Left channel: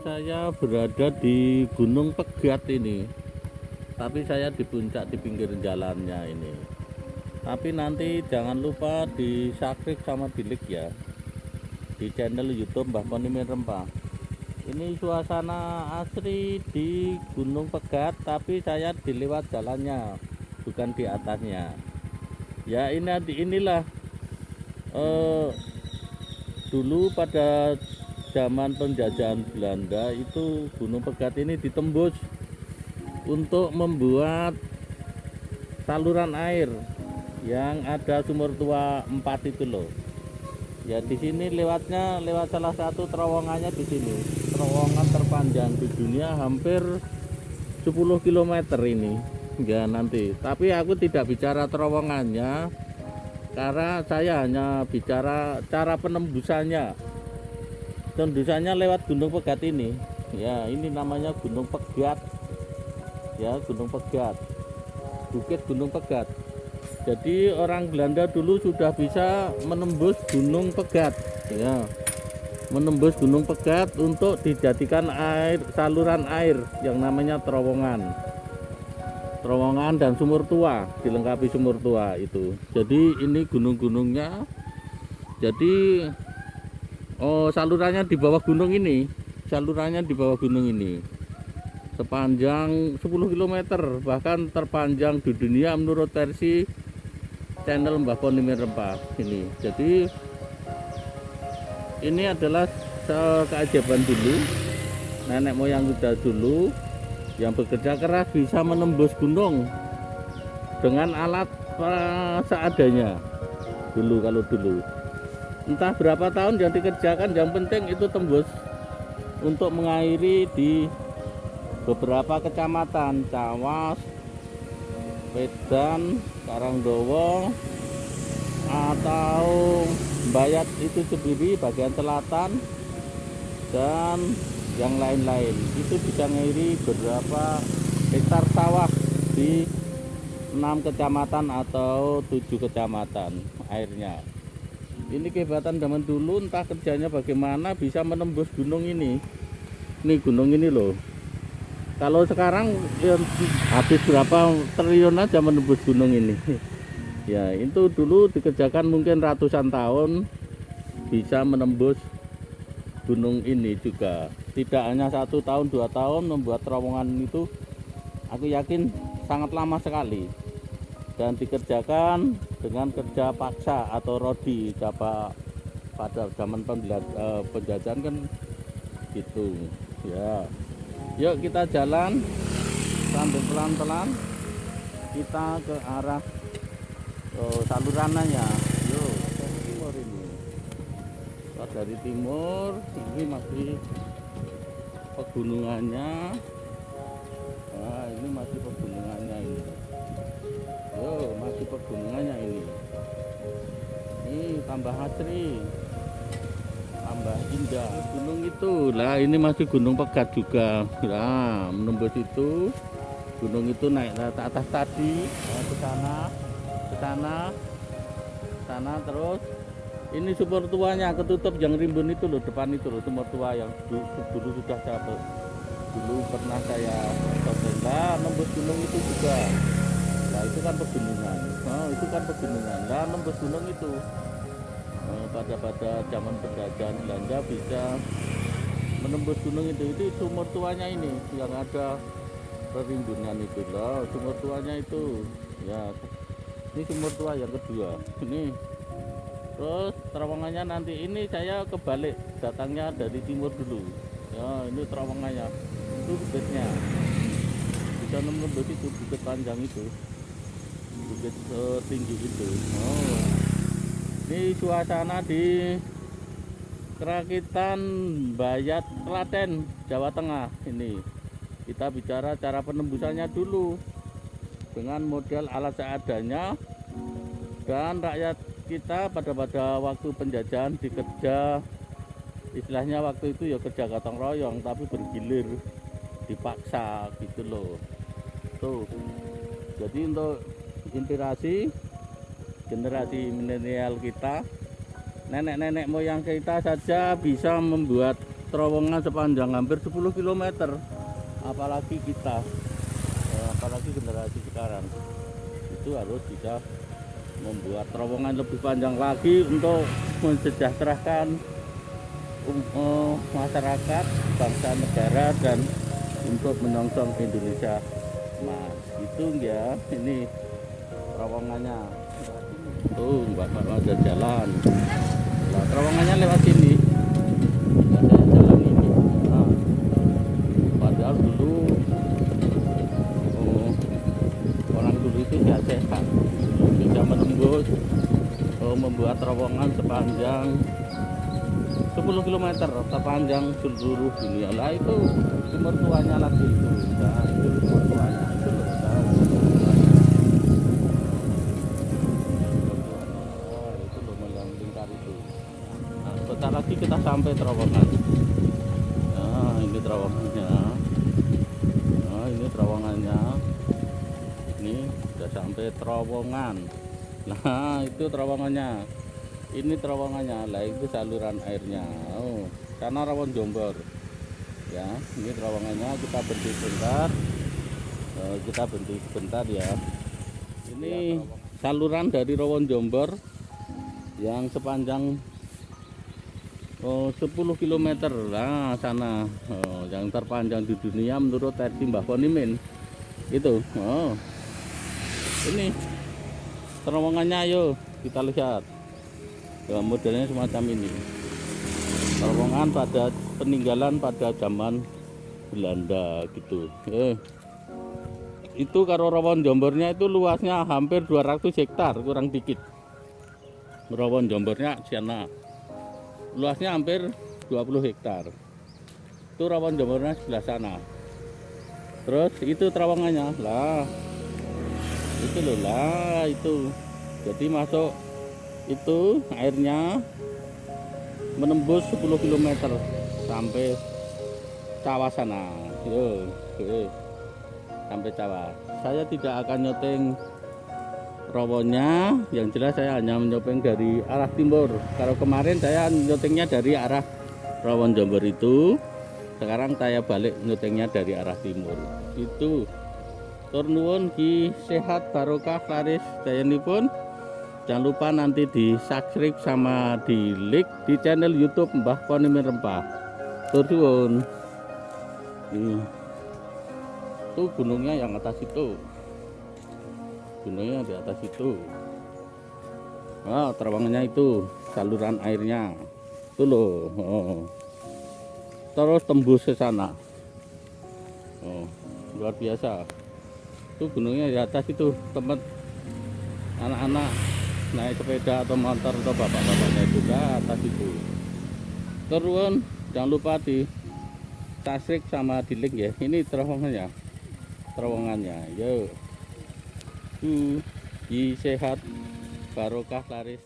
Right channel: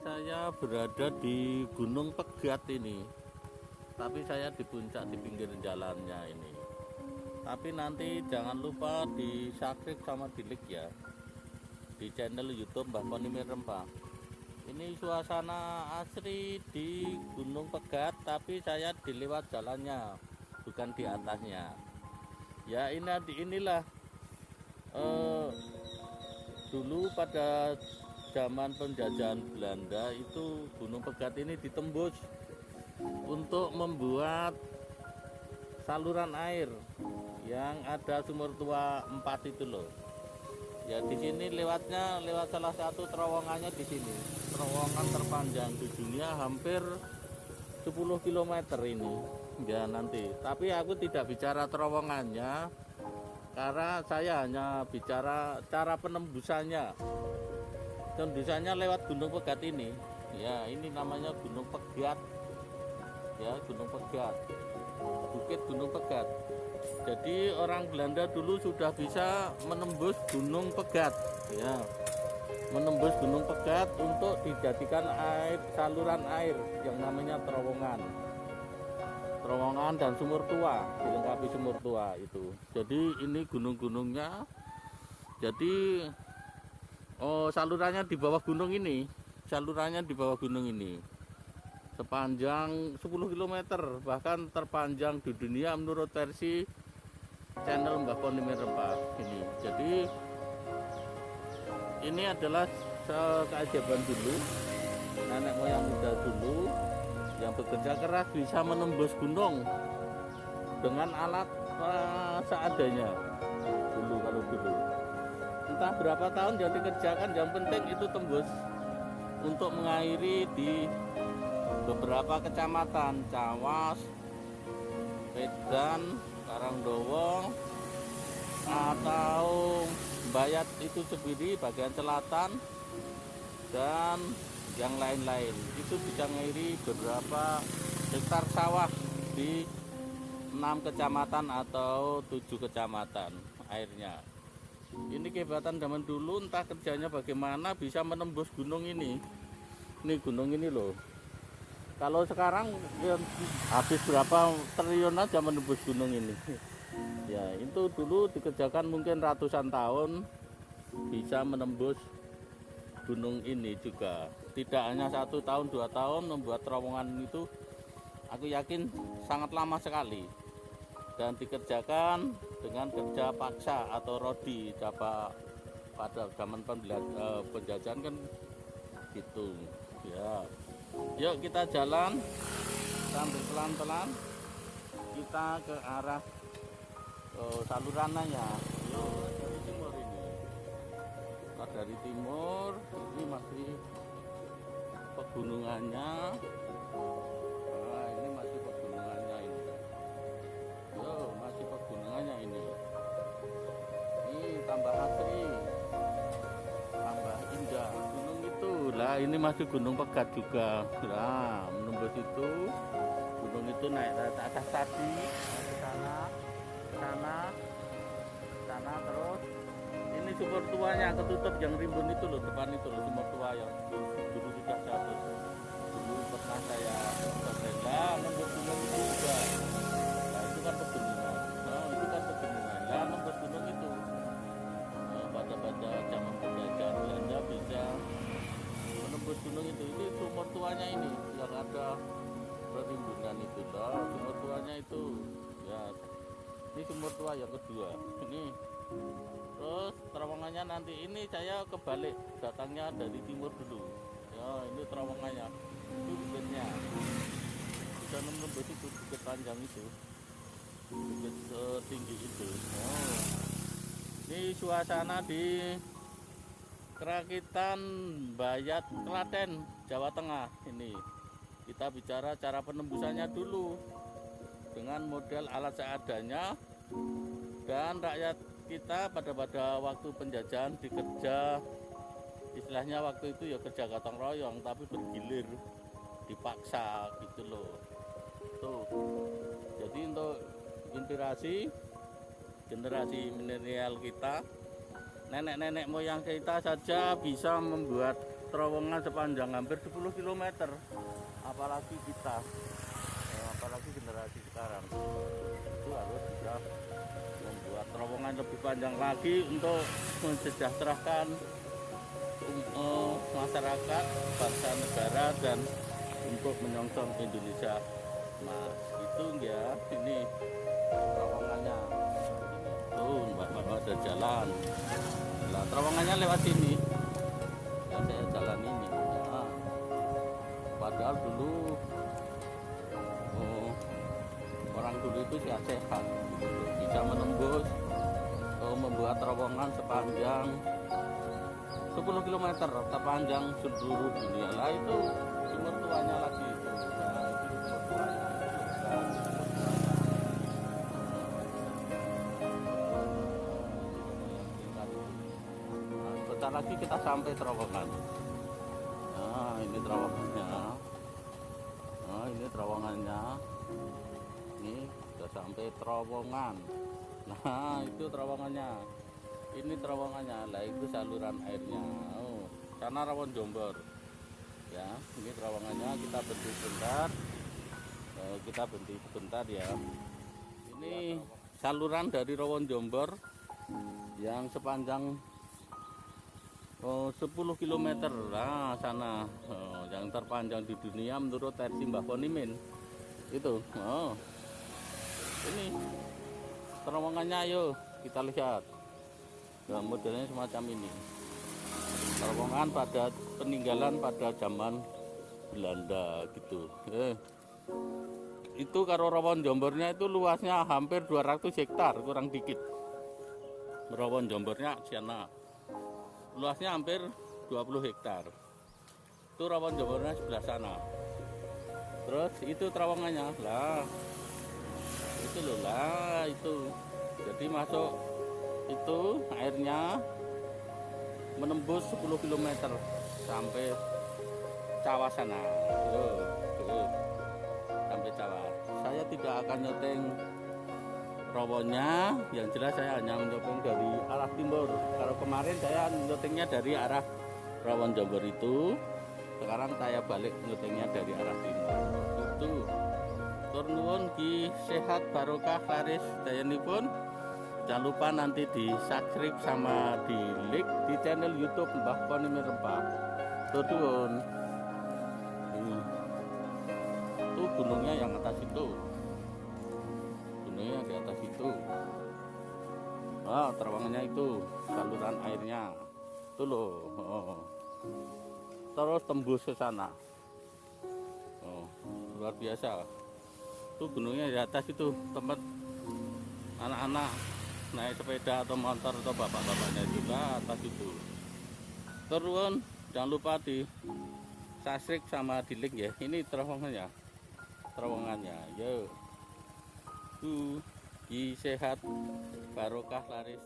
Saya berada di Gunung Pegat ini, tapi saya di puncak di pinggir jalannya ini. Tapi nanti jangan lupa di subscribe sama di like ya, di channel YouTube Mbah Ponimin Rempah. Ini suasana asri di Gunung Pegat, tapi saya di lewat jalannya, bukan di atasnya. Ya inilah dulu pada zaman penjajahan Belanda itu Gunung Pegat ini ditembus untuk membuat saluran air yang ada sumur tua 4 itu loh. Ya di sini lewat salah satu terowongannya di sini. Terowongan terpanjang di dunia hampir 10 km ini. Ya nanti. Tapi aku tidak bicara terowongannya karena saya hanya bicara cara penembusannya. Tembusannya lewat Gunung Pegat ini. Ya, ini namanya Gunung Pegat. Ya, Gunung Pegat. Bukit Gunung Pegat. Jadi orang Belanda dulu sudah bisa menembus Gunung Pegat. Ya. Menembus Gunung Pegat untuk dijadikan saluran air yang namanya terowongan. Terowongan dan sumur tua, dilengkapi sumur tua itu. Jadi ini gunung-gunungnya. Jadi salurannya di bawah gunung ini. Salurannya di bawah gunung ini. Sepanjang 10 km, bahkan terpanjang di dunia menurut versi channel Mbah Ponimin Rempah ini. Jadi ini adalah keajaiban dulu, nenek moyang kita dulu yang bekerja keras bisa menembus gunung dengan alat seadanya dulu. Kalau dulu entah berapa tahun yang dikerjakan, yang penting itu tembus untuk mengairi di beberapa kecamatan Cawas, Wedan, Karangdowo, atau Bayat itu sendiri bagian selatan, dan yang lain-lain. Itu bisa mengairi beberapa hektar sawah di 6 kecamatan atau 7 kecamatan airnya. Ini kehebatan zaman dulu, entah kerjanya bagaimana bisa menembus gunung ini. Ini gunung ini loh. Kalau sekarang ya, habis berapa triliun aja menembus gunung ini. Ya itu dulu dikerjakan mungkin ratusan tahun bisa menembus gunung ini juga. Tidak hanya 1 tahun 2 tahun membuat terowongan itu, aku yakin sangat lama sekali. Dan dikerjakan dengan kerja paksa atau rodi pada zaman penjajahan kan gitu ya. Yuk kita jalan sambil pelan-pelan kita ke arah salurannya. Yuk dari timur ini. Kita dari timur ini masih pegunungannya. Nah ini masih pegunungannya ini. Masih pegunungannya ini. Ini tambah asri, tambah indah gunung itu lah. Ini masih Gunung Pegat juga. Nah menembus itu gunung itu naik ke atas tadi, ke sana terus. Ini sumur tuanya ketutup yang rimbun itu loh, depan itu loh sumur tua yang dulu sudah saya dulu pernah saya nembus gunung itu juga. Nah itu kan pegunungan. Itu kan pegunungan. Nah nembus gunung itu pada zaman penjajahan Belanda bisa menembus gunung itu sumur tuanya ini yang ada perimbunan itu loh, sumur tuanya itu ya. Ini sumur tua yang kedua ini. Terus terowongannya nanti ini saya kebalik, datangnya dari timur dulu ya. Ini terowongannya itu bukitnya bisa menembus itu bukit panjang itu, bukit tinggi itu. Ini suasana di Kerakitan Bayat, Klaten, Jawa Tengah. Ini kita bicara cara penembusannya dulu dengan model alat seadanya, dan rakyat kita pada waktu penjajahan dikerja, istilahnya waktu itu ya kerja gotong royong tapi bergilir, dipaksa gitu loh. Tuh jadi untuk inspirasi generasi milenial kita, nenek-nenek moyang kita saja bisa membuat terowongan sepanjang hampir 10 km. Apalagi kita, apalagi generasi sekarang, itu harus bisa membuat terowongan lebih panjang lagi untuk mensejahterakan masyarakat, bangsa, negara, dan untuk menyongsong Indonesia. Nah, itu ya, ini terowongannya. Tuh, mbak-mbak ada jalan. Nah, terowongannya lewat sini. Ada jalan ini. Nah, padahal dulu orang dulu itu sehat, bisa menembus membuat terowongan sepanjang 10 km terpanjang seluruh dunia. Lah itu sumber tuanya lagi itu. Nah, itu sumber tuanya itu loh. Nah, sebentar lagi kita sampai terowongan. Nah, ini terowongannya. Nah, ini terowongannya. Ini sudah sampai terowongan. Nah, itu terowongannya. Ini terowongannya. Lah, itu saluran airnya. Oh, sana Rawon Jombor. Ya, ini terowongannya. Kita berhenti sebentar. Kita berhenti sebentar ya. Ini saluran dari Rawon Jombor yang sepanjang 10 km. Nah, sana yang terpanjang di dunia menurut versi Mbah Ponimin itu. Ini terowongannya, ayo kita lihat. Dalam modelnya semacam ini. Terowongan pada peninggalan pada zaman Belanda gitu. Itu karo Rawon Jombornya itu luasnya hampir 200 hektar kurang dikit. Rawon Jombornya sana luasnya hampir 20 hektar. Itu Rawon Jombornya sebelah sana. Terus itu terowongannya. Lah, itu loh, lah itu. Jadi masuk itu airnya menembus 10 km sampai Cawah sana. Sampai Cawah. Saya tidak akan nyeteng rawonnya, yang jelas saya hanya menyeteng dari arah timur. Kalau kemarin saya nyetengnya dari arah Rawon Jombor itu, sekarang saya balik nyetengnya dari arah timur. Itu tur nuwun ki sehat barokah laris dayanipun. Jangan lupa nanti di subscribe sama di like di channel YouTube Mbah Ponimin Rempah. Tur nuwun. Itu gunungnya yang atas itu. Gunungnya di atas itu. Terowongannya itu, saluran airnya. Itu loh. Terus tembus ke sana. Luar biasa. Itu gunungnya di atas itu, tempat anak-anak naik sepeda atau motor atau bapak-bapaknya itu ke atas itu. Terus jangan lupa di subscribe sama di link ya. Ini terowongannya. Yuk. Sehat barokah laris.